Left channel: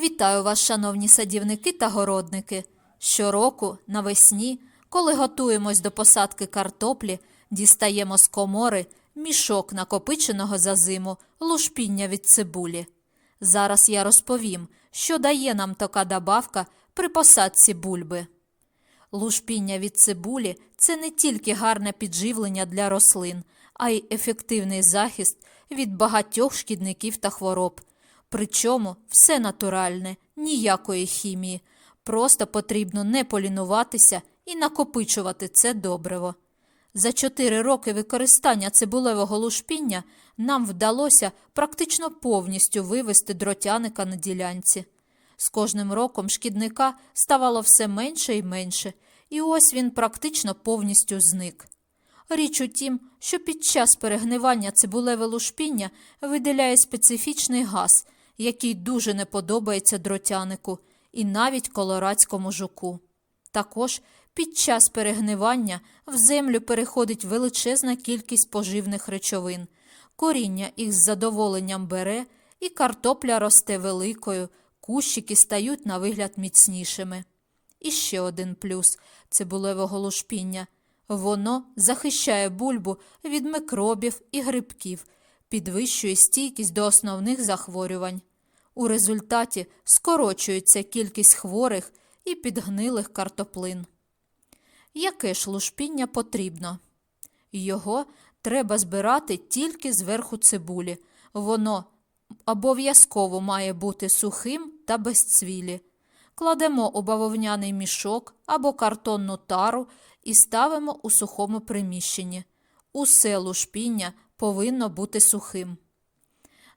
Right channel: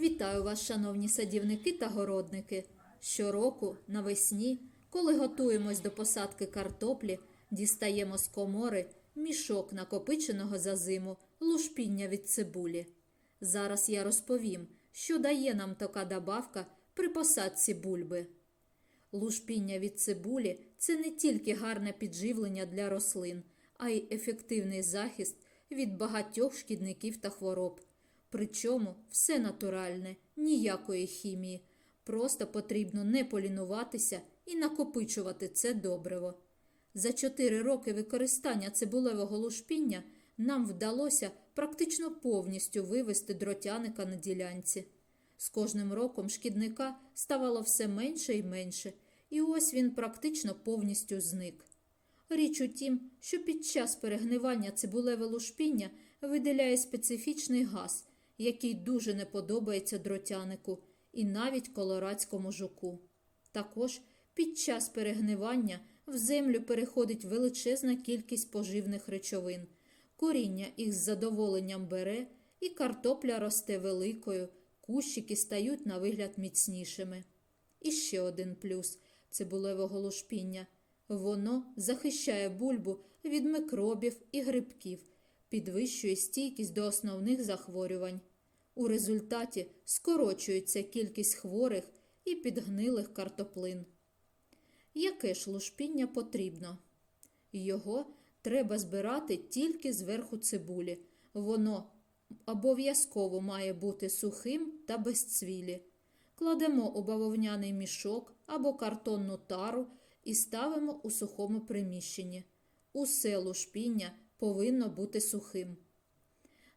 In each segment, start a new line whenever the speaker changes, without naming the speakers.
Вітаю вас, шановні садівники та городники. Щороку навесні, коли готуємось до посадки картоплі, дістаємо з комори мішок накопиченого за зиму лушпіння від цибулі. Зараз я розповім, що дає нам така добавка при посадці бульби. Лушпіння від цибулі це не тільки гарне підживлення для рослин, а й ефективний захист від багатьох шкідників та хвороб. Причому все натуральне, ніякої хімії. Просто потрібно не полінуватися і накопичувати це добриво. За чотири роки використання цибулевого лушпіння нам вдалося практично повністю вивести дротяника на ділянці. З кожним роком шкідника ставало все менше і менше, і ось він практично повністю зник. Річ у тім, що під час перегнивання цибулеве лушпіння виділяє специфічний газ, який дуже не подобається дротянику і навіть колорадському жуку. Також під час перегнивання в землю переходить величезна кількість поживних речовин. Коріння їх з задоволенням бере, і картопля росте великою, кущики стають на вигляд міцнішими. І ще один плюс цибулевого лушпіння. Воно захищає бульбу від микробів і грибків, підвищує стійкість до основних захворювань. У результаті скорочується кількість хворих і підгнилих картоплин. Яке ж лушпіння потрібно? Його треба збирати тільки зверху цибулі. Воно обов'язково має бути сухим та без цвілі. Кладемо у бавовняний мішок або картонну тару і ставимо у сухому приміщенні. Усе лушпіння повинно бути сухим.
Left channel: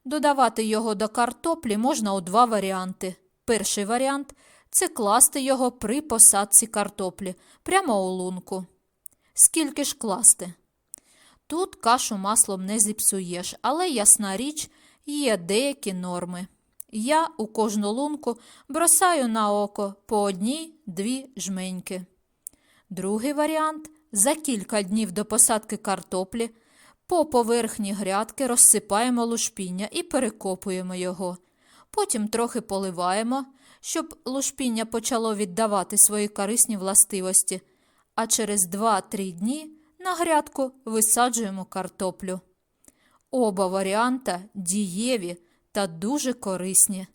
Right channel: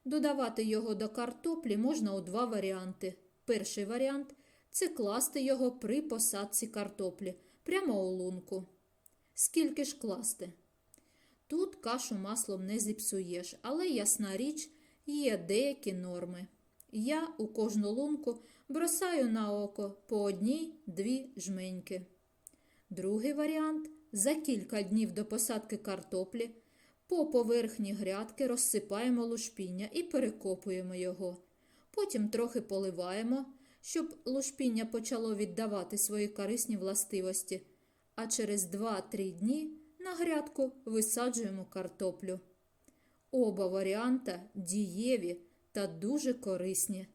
Додавати його до картоплі можна у два варіанти. Перший варіант це класти його при посадці картоплі прямо у лунку. Скільки ж класти? Тут кашу маслом не зіпсуєш, але ясна річ, є деякі норми. Я у кожну лунку бросаю на око по одній-дві жменьки. Другий варіант за кілька днів до посадки картоплі по поверхні грядки розсипаємо лушпіння і перекопуємо його. Потім трохи поливаємо, щоб лушпіння почало віддавати свої корисні властивості, а через 2-3 дні на грядку висаджуємо картоплю. Оба варіанта дієві та дуже корисні.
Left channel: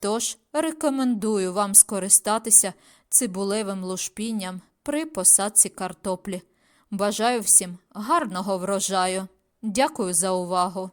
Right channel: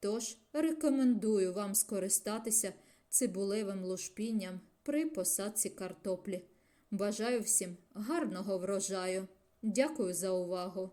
Тож рекомендую вам скористатися цибулевим лушпінням при посадці картоплі. Бажаю всім гарного врожаю. Дякую за увагу!